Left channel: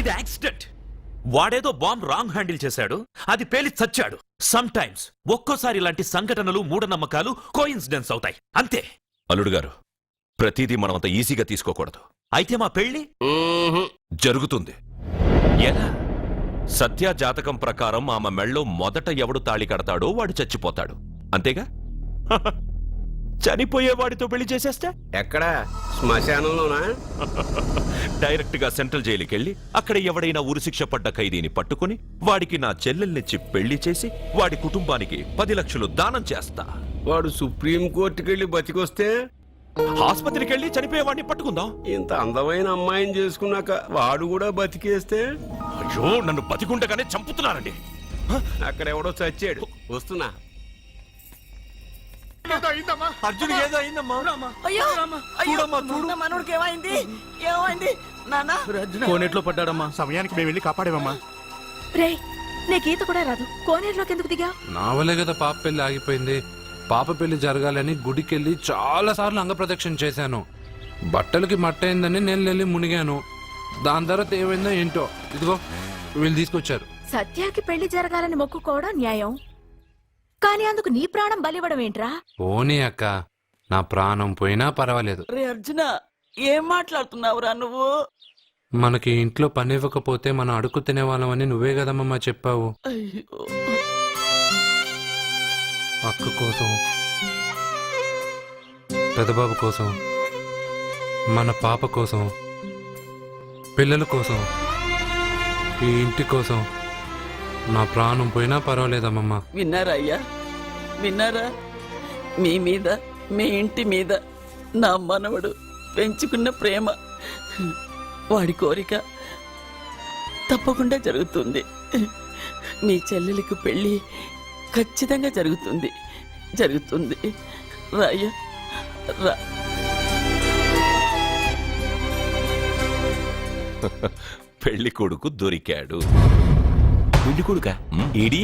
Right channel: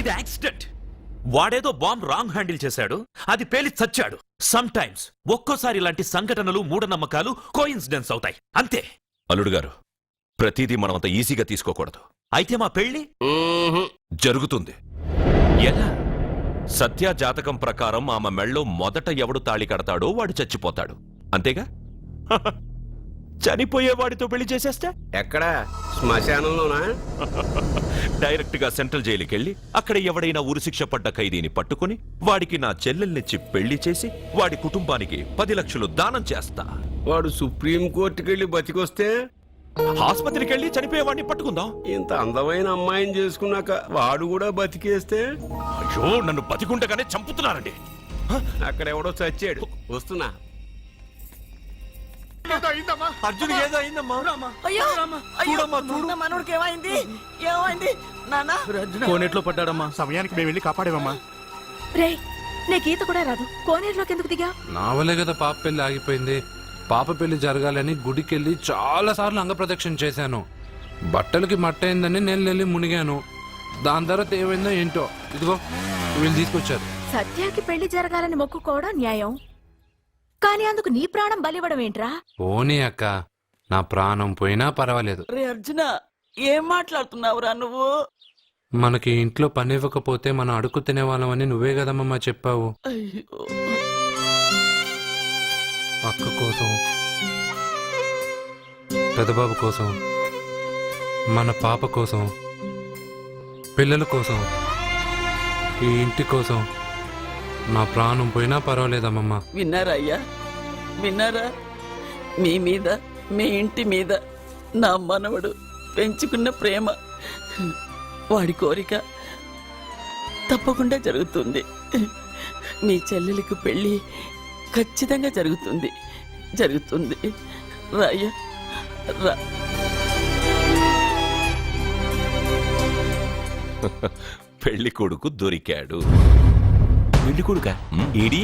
ఇది యాక్సిడెంట్. వాడేదో bomb wrong handle చేశాడు, అది పేలి చచ్చాడు. సమ్ టైమ్స్ ఒక్కోసారి ఇలాంటి సంఘటనలు మూఢనమ్మకాలు కోఇన్సిడెన్స్ అవుతాయి, అంతే. అల్లుడు గారు, ప్రతిదీ మనమంత ఈజీగా తీసుకోకూడదు. అయితే మా పెళ్లి జరుగుతుంది. ఎలా? సత్య జాతకం ప్రకారం ఆమె మెళ్ళో మొదట ఎవడు తాళి కడతాడో వాడు చచ్చిపోతాడు, అంతేగా? చనిపోయేవాడితో పెళ్లి చేసేస్తే ఎక్కడ? శ్మశానంలోనా? డైరెక్ట్ గా సెంట్రల్ జైలుకి వెళ్ళి అక్కడ ఎవడైనా ఉరిశిక్ష పడ్డ ఖైదీని పట్టుకుని వాడికి నా చెల్లెల్నిచ్చి పెళ్లి చేసి వాడి కుటుంబానికి 10 లక్షలు దానం చేస్తా. వాడు సుప్రీం కోర్టుకెళ్ళి బతికొస్తే ఆసుపత్రికి వెళ్ళి చనిపోయేవాడిని పట్టుకుందాం. ఇంత అందమైన అమ్మాయిని చేసుకున్నాక వాడు కూడా బతికేస్తే? అయ్యో, నన్ను బతికుండగానే చంపుతున్నారండి. అక్కడ ఎవడో చచ్చాడు, వస్తున్నా. అర్జున్ ఏదో అయిందమ్మా. మనోడికి ఏమైంది? ఏమైంది నాన్న? కోనేట్లో పడ్డాడమ్మా. సమయానికి మేము వెళ్ళి కాపాడేవమ్మా. రే, నీకు ఈత కూడా రాదు, కోనేరులోకి ఎందుకు దిగా? నా వల్లే కదా పాప పెళ్లి ఆగిపోయింది. పాప పెళ్లి జరగాలని గుడికెళ్ళి చాలా సార్లు అంగప్రదక్షిణ చేశాను. బట్టలకి మట్టయిందని నేను వెళ్ళి మునిగాను. దాని తర్వాత ఏమైందో ఏంటో, ఇదిగో వీళ్ళు తీసుకొచ్చారు. సత్యాకి పెళ్లి జరగాలని మొక్కుకోవడం న్యాయం, కానీ అందుకు నీ ప్రాణం బలివ్వడం ఏంట్రా? పోనీ అక్క, నా ప్రాణం పోయినా పర్వాలేదు. రే అర్జున, ఏం మాట్లాడుతున్నావురా నువ్వు? మనకి ఇంట్లో పని ఇవ్వకపోతే మనం అడుగు తినేవాళ్ళమని నువ్వే కదమ్మా చెప్పావు. అయ్యో, అక్క కోసం, పెదబాబు కోసం, మన పాప కోసం, పిల్లల కోసం, ఈ ఇంటి కోసం నా ప్రాణం పోయినా పర్వాలేదమ్మమ్మా. విన్నారా అయ్యా, విన్నారా? మీ మీద, మీ ఇంటి మీద నా మనవడు పెంచుకున్న ప్రేమ, వాడి కోరిక తప్పకుండా జరుగుతుంది. మీ చెల్లెలికి పెళ్ళి ఖచ్చితంగా జరుగుతుంది, జరుగుతుంది. రాయ్యా రా. పెళ్లి కొడుకు దొరికాడు. పెళ్లి కొడుక ఏడి?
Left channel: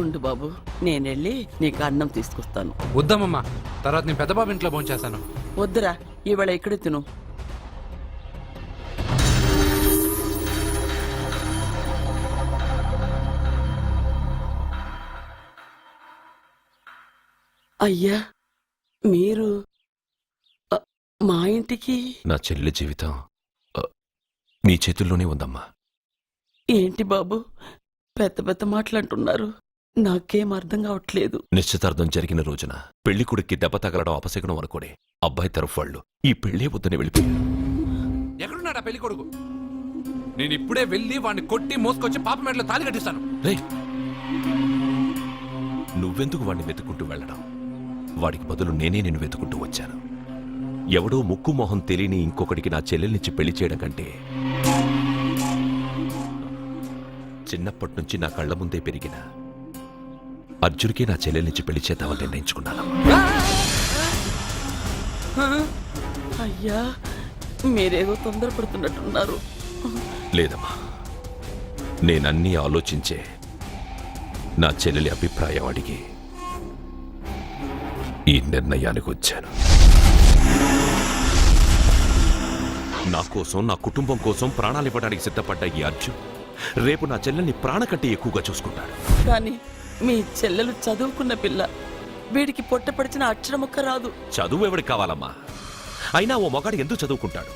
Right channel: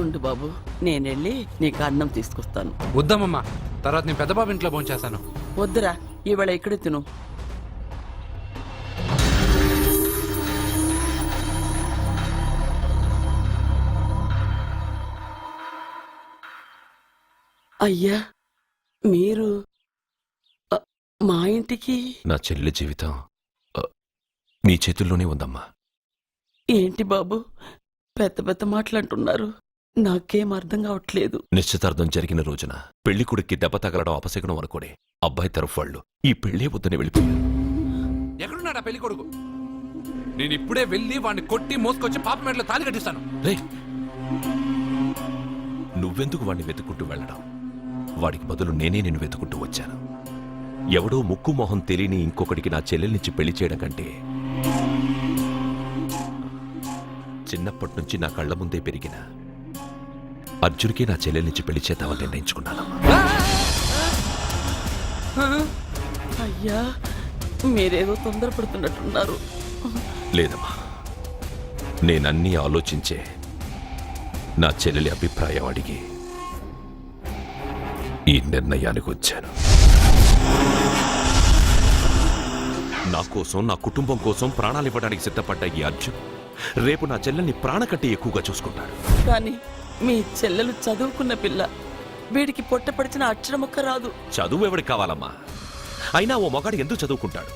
ఉండు బాబు, నేనెళ్ళి నీకు అన్నం తీసుకొస్తాను. వద్దమ్మమ్మా, తర్వాత నేను పెద్దబాబు ఇంట్లో భోంచేస్తాను. వద్దురా, ఇవాళ ఇక్కడే తిను. అయ్యా, మీరు మా ఇంటికి? నా చెల్లి జీవితం మీ చేతుల్లోనే ఉందమ్మా. ఏంటి బాబు పెద్ద పెద్ద మాటలంటున్నారు? నాకేం అర్థం కావట్లేదు. నిశ్చితార్థం జరిగిన రోజున పెళ్లి కొడుక్కి దెబ్బ తగలడం అపశకునం అనుకోడే అబ్బాయి తరఫు వాళ్ళు ఈ పెళ్లే వద్దని వెళ్ళిపోయారు. ఎక్కడున్నాడా పెళ్లి కొడుకు? నేను ఇప్పుడే వెళ్ళి వాడిని కొట్టి మోసుకొచ్చి పాప మెడలో తాళి కట్టిస్తాను. రే, నువ్వెందుకు వాడిని వెతుక్కుంటూ వెళ్ళడం? వాడికి బదులు నేనే నిన్ను వెతుకుంటూ వచ్చాను. ఎవడో ముక్కు మొహం తెలియని ఇంకొకడికి నా చెల్లెల్నిచ్చి పెళ్లి చేయడం కంటే చిన్నప్పటి నుంచి నా కళ్ల ముందే పెరిగిన అర్జున్కి నా చెల్లెల్నిచ్చి పెళ్లి చేద్దామని నిర్ణయించుకున్నానమ్మా. అయ్యా, మీరేదో తొందరపడుతున్నట్టున్నారు. లేదమ్మా, నేనన్నీ ఆలోచించే నా చెల్లెలి అభిప్రాయం అడిగి ఈ నిర్ణయానికి వచ్చాను. నా కోసం, నా కుటుంబం కోసం ప్రాణాలివ్వడానికి సిద్ధపడ్డ ఈ అర్జున్ రేపు నా చెల్లెల్ని ప్రాణ కంటే ఎక్కువగా చూసుకుంటాడు. కానీ మీ చెల్లెలు చదువుకున్న పిల్ల, వీడికి పొట్టపడిచిన అక్షరముక్క రాదు. చదువు ఎవడికి కావాలమ్మా? అయినా ఓ మగాడు ఎందుకు చదువుకుంటాడు?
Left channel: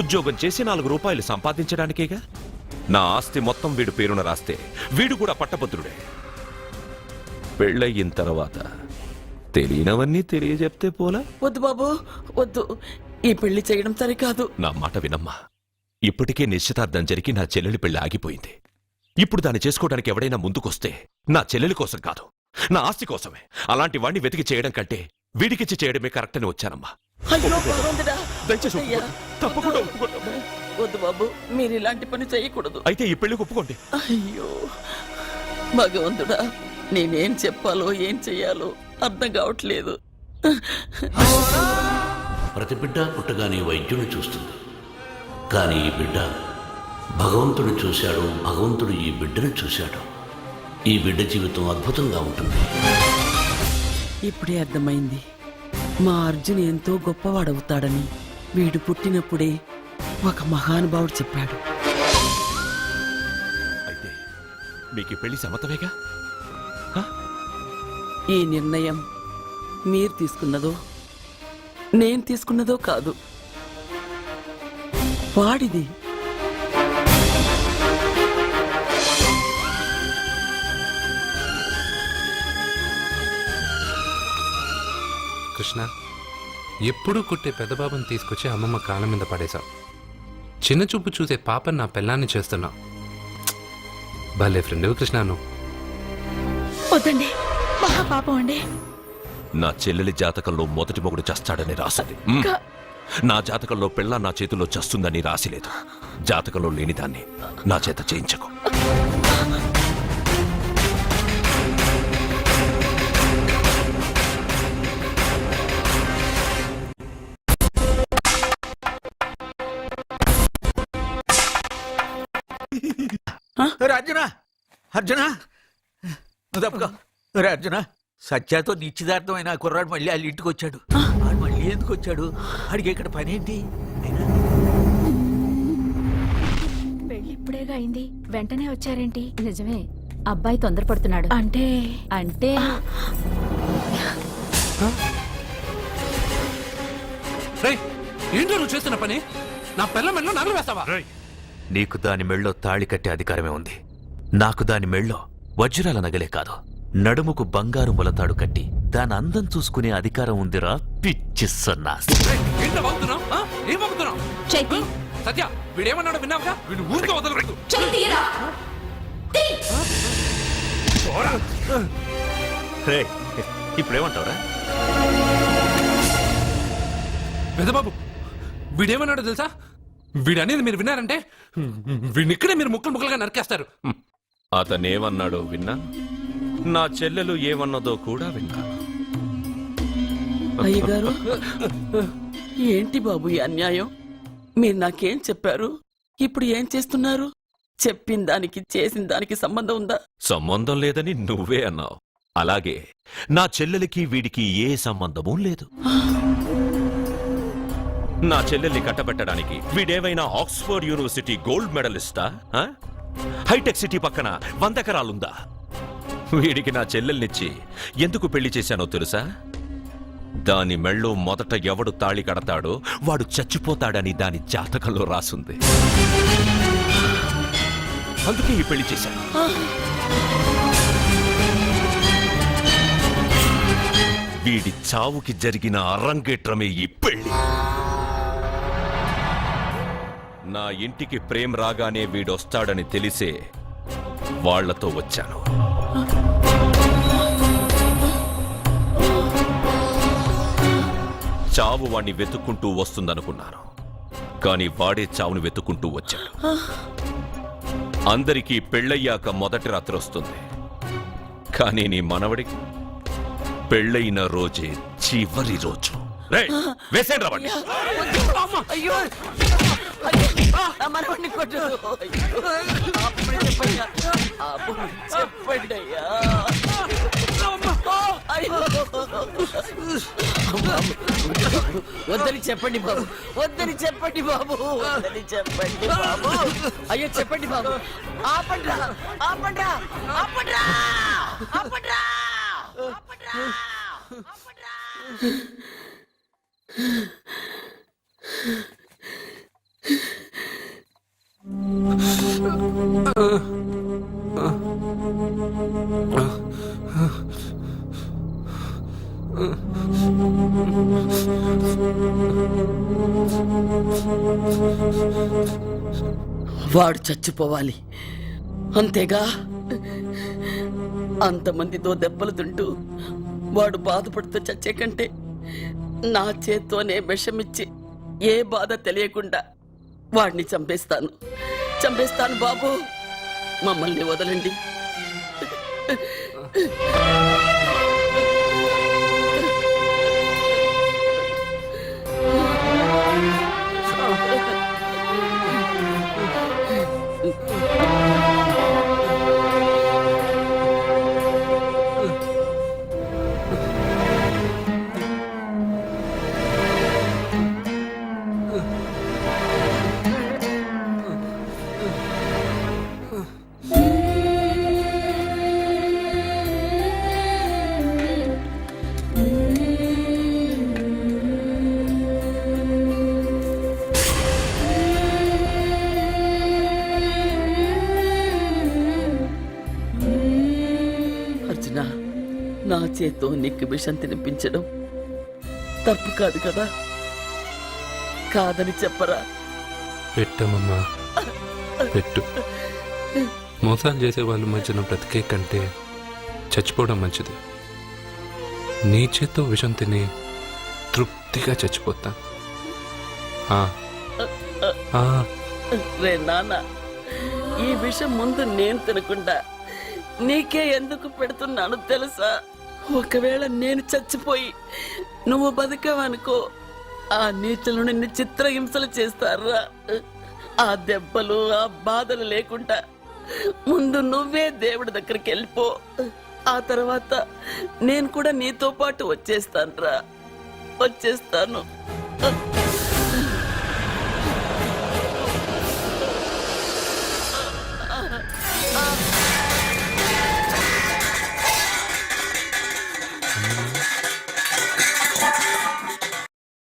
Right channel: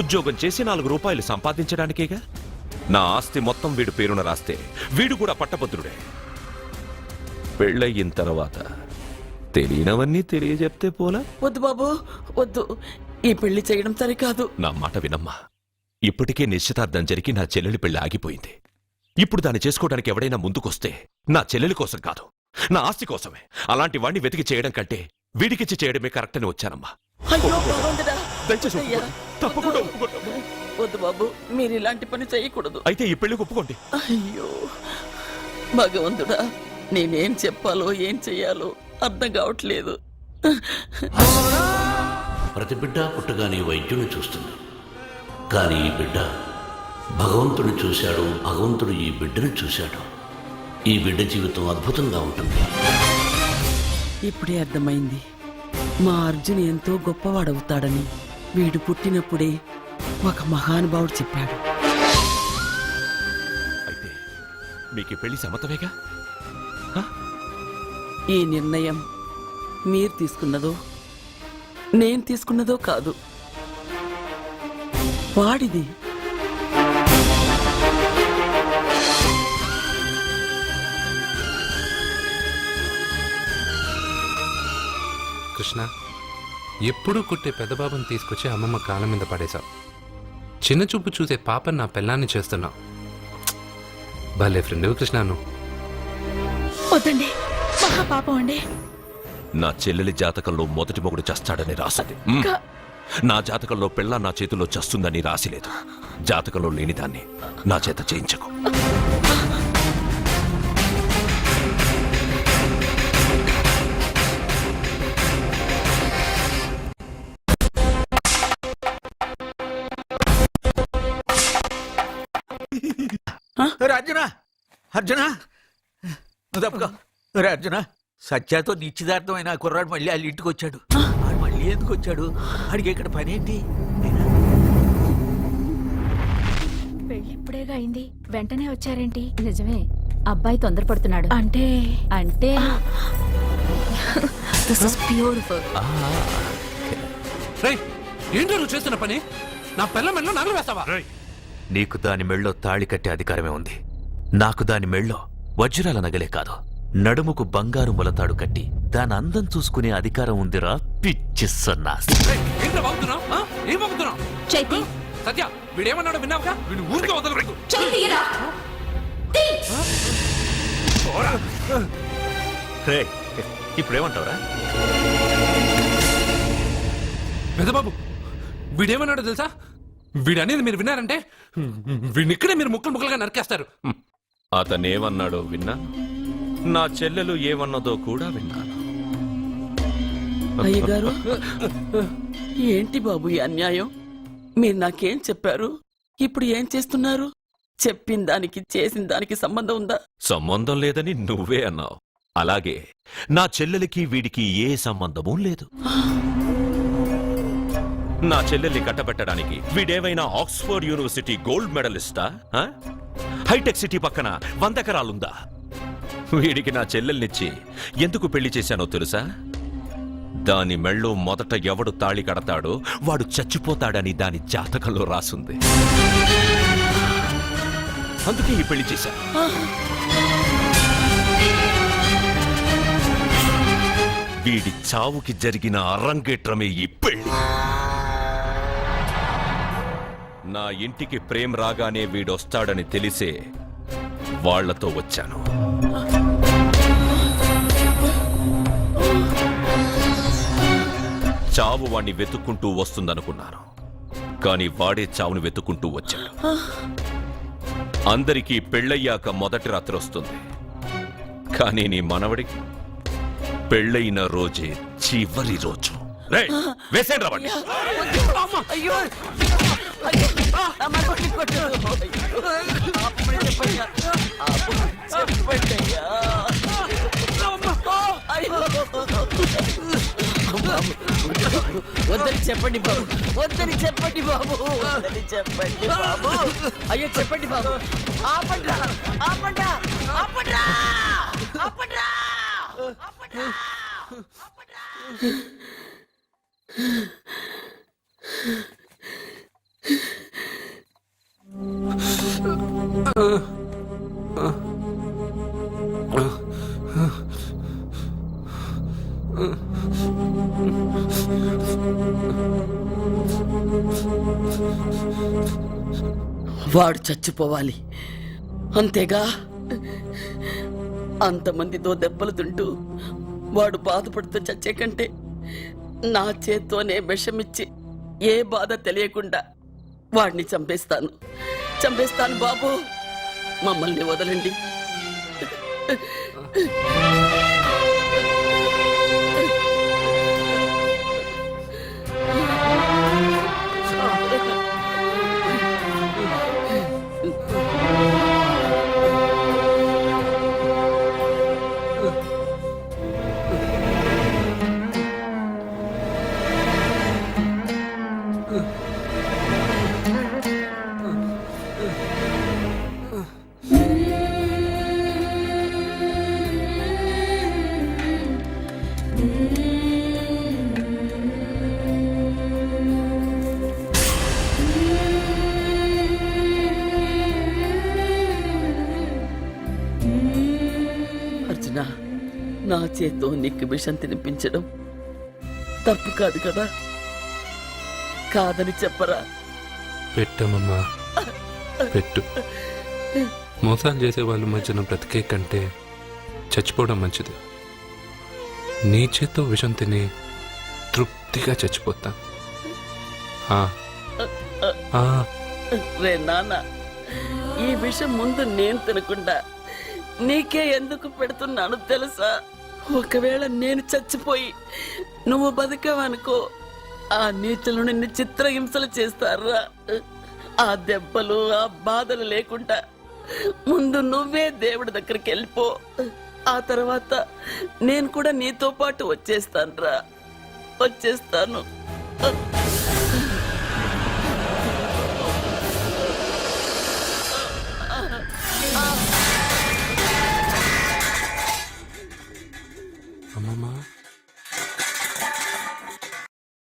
ఉద్యోగం చేసి 4 రూపాయలు సంపాదించడానికేగా. నా ఆస్తి మొత్తం వీడు పేరున రాస్తే వీడు కూడా పట్టభద్రుడే. పెళ్ళయిన తర్వాత తెలియనవన్నీ తెలియజెప్తే పోలా? వద్దు బాబు, వద్దు. ఈ పెళ్లి చేయడం సరికాదు. నా మాట వినమ్మా. ఇప్పటికే నిశ్చితార్థం జరిగి నా చెల్లెలి పెళ్లి ఆగిపోయింది. ఇప్పుడు దాన్ని చేసుకోవడానికి ఎవడైనా ముందుకొస్తే నా చెల్లెలి కోసం కాదు, నా ఆస్తి కోసమే. అలాంటి వాణ్ణి వెతికి చేయడం కంటే వీడికిచ్చి చేయడమే కరెక్ట్ అని వచ్చానమ్మా. అయ్యో భగవంతుడా, దయచేసి అయ్యా, తప్పకుండా వద్దు. వద్దు బాబు, మీరు ఇలాంటి పని చేయకూడదు. అయితే ఈ పెళ్లికి ఒప్పుకోండి. అయ్యో భగవంతుడా, నేనేం చెప్పాలో ఏం చెయ్యాలో అర్థం కావట్లేదు. ప్రతి బిడ్డ పుట్టగానే వైద్యుని చూస్తుంది, కానీ ఈ బిడ్డ భగవంతుని చూశాడు, భగవంతుడు ఈ బిడ్డను చూశాడు. ఈ బిడ్డ జీవితం అద్భుతంగా ఉంటుంది. ఇప్పుడే అర్థమైంది, మా అర్జున్ ఎంతో గొప్పవాడవుతాడని. వీడు పుట్టినప్పుడే ఒక మహానుభావుడు చెప్పాడు. అయితే మీకు ఈ పెళ్లి సమ్మతమేగా? ఈ నిర్ణయం మీరు తీసుకున్నదో నేను తీసుకున్నదో కాదు, వాడిది. కృష్ణ, ఎప్పుడూ కుట్టే పెద్దబాబుని తీసుకొచ్చి అమ్మమ్మ కాళ్ళ మీద పడేశావు. చిన్న చూపు చూసే పాపని నా పెళ్ళాన్ని చేస్తున్నావు. భలే ఫ్రెండ్ కృష్ణ నువ్వు. వద్దండి, మహాపాపం అండి. నా చెల్లెలి జాతకంలో మొదటి మొగుడు చస్తాడని రాసింది. నా జాతకంలో పిల్ల నా చేతిలో చస్తుందని రాసిలేదు. జాతకంలో లేనిదాన్ని నా చేత చేయించకు. అర్జున, అర్జున, తప్పుకో. అర్జున, సత్యాతో నిశ్చితార్థమైన ఆ కుర్రాడు మళ్ళీ వాళ్ళ ఇంటికి వచ్చాడు. ఆడు మళ్ళీ ఎందుకు వచ్చాడు? ఆడికి ఇక్కడ పని ఏంటి? పెళ్లి ఇప్పుడేగా అయింది, వెంటనే వచ్చారేంటి? నిజమే, అబ్బాయి తొందరపడుతున్నాడు. అంటే అంటే రేయ్, ఏంటో నువ్వు చేస్తున్న పని? నా పిల్ల మెళ్ళలో నగలు వేస్తావా? నీకు దాని మెళ్ళో తాళి కట్టే అధికారమే ఉంది. నాకు దాని మెళ్ళో వజ్రాల నగలే కాదు, నడుముకు బంగారు మొలతాడు కట్టి దాని అందం చూసుకునే అధికారం ఉందిరా పిచ్చి సన్నాసి. ఏంటో బాగుతున్నావు? ఏం బాగుతున్నావు? చైతి, సత్య, వీడేమన్నాడో విన్నావుగా? వీడు ఊరికే వదలలేదు. ఇప్పుడేమంటావురా? పెద్దబాబు, వీడేమన్నాడో తెలుసా? వీడనేది మీరు విన్నారంటే వీడినిక్కడే మీరు ముక్కలు ముక్కలుగా నరికేస్తారు. అతనేమన్నాడో విన్నాను, నా చెల్లెలు ఏమన్నదో కూడా విన్నాను. అయ్యగారు, ఏంటి బాబు ఈ అన్యాయం? మీరు నాకేం చెప్పారు, ఇప్పుడు ఏం చేస్తున్నారు? చెప్పిన దానికి చేసిన దానికి సంబంధం ఉందా? సంబంధం లేదని నువ్వే అన్నావు. అలాగే నా చెల్లెలికి వీడికి ఏ సంబంధమూ లేదు. నా చెల్లెల్ని కట్టబెట్టడానికి వీడేమైనా ఆక్స్ఫర్డ్ యూనివర్సిటీ గోల్డ్ మెడలిస్టా? హైటెక్ సిటీ పక్కన 100 ఎకరాలుందా? వీడికి నా చెల్లెల్నిచ్చి ఎందుకు పెళ్లి చేశానో తెలుసా? దాని మెళ్ళో మొదట ఎవడు తాళి కడతాడో వాడు చచ్చిపోతాడని దాని జాతకంలో రాసుంది. అందుకే ఈ పెళ్లి చేశాను. వీడి చావుకి జరిగిన అరంగేట్రమే ఈ పెళ్లి. నా ఇంటికి ప్రేమ్ రాగానే వీడొస్తాడని తెలిసే వాళ్లతో వచ్చాను. చావు వాణ్ణి వెతుక్కుంటూ వస్తుందనుకున్నాను, కాని వాడే చావును వెతుక్కుంటూ వచ్చాడు. అందరికీ పెళ్ళయ్యాక మొదటి రాత్రి వస్తుంది, కానీ నీ మనవడికి పెళ్ళయిన రోజే చివరి రోజు. వేసేయండి రావండి. అయ్యో, నా మనవడిని కొట్టు. అప్పుడే చెప్పయ్యా, చెప్పండయ్యా. వద్దని చెప్పండి బాబు, వద్దని చెప్పండి బాబు, వద్దని చెప్పండి బాబు. అయ్యో చెప్పండి బాబు, ఆపండ్రా, ఆపండ్రా, ఆపండ్రా, ఆపండ్రా. వాడు చచ్చిపోవాలి అంతేగా? అంతమందితో దెబ్బలు తింటూ వాడు బాధపడుతూ చచ్చే కంటే నా చేత్తోనే విషమిచ్చి ఏ బాధ తెలియకుండా వాడిని చంపేస్తాను, చంపేస్తాను బాబు. మమ్మల్ని వదలండి. అర్జున, నా చేత్తో నీకు విషం తినిపించడం తప్పు కాదు కదా? కాదని చెప్పరా? పెట్టమమ్మా, పెట్టు. మోసాలు చేసే వాళ్ళ మధ్యన బ్రతికే కంటే చచ్చిపోవడం మంచిది. నీ చేత్తో విషం తిని తృప్తిగా చచ్చిపోతా. రే నాన్న, ఈ విషయం ముందు నేను తినకుండా నీకే ఎందుకు పెడుతున్నాను తెలుసా? ఒకవేళ నేను చచ్చిపోయి నువ్వు బతికావనుకో, ఆ నీచులు నిన్ను చిత్రహింసలు చేస్తారా? ఆ దెబ్బలు, ఆ బాధలు లేకుండా ముందు నువ్వే దేవుడి దగ్గరికి వెళ్ళిపో. ఆ తర్వాత నేను కూడా నీతో పాటు వచ్చేస్తాను.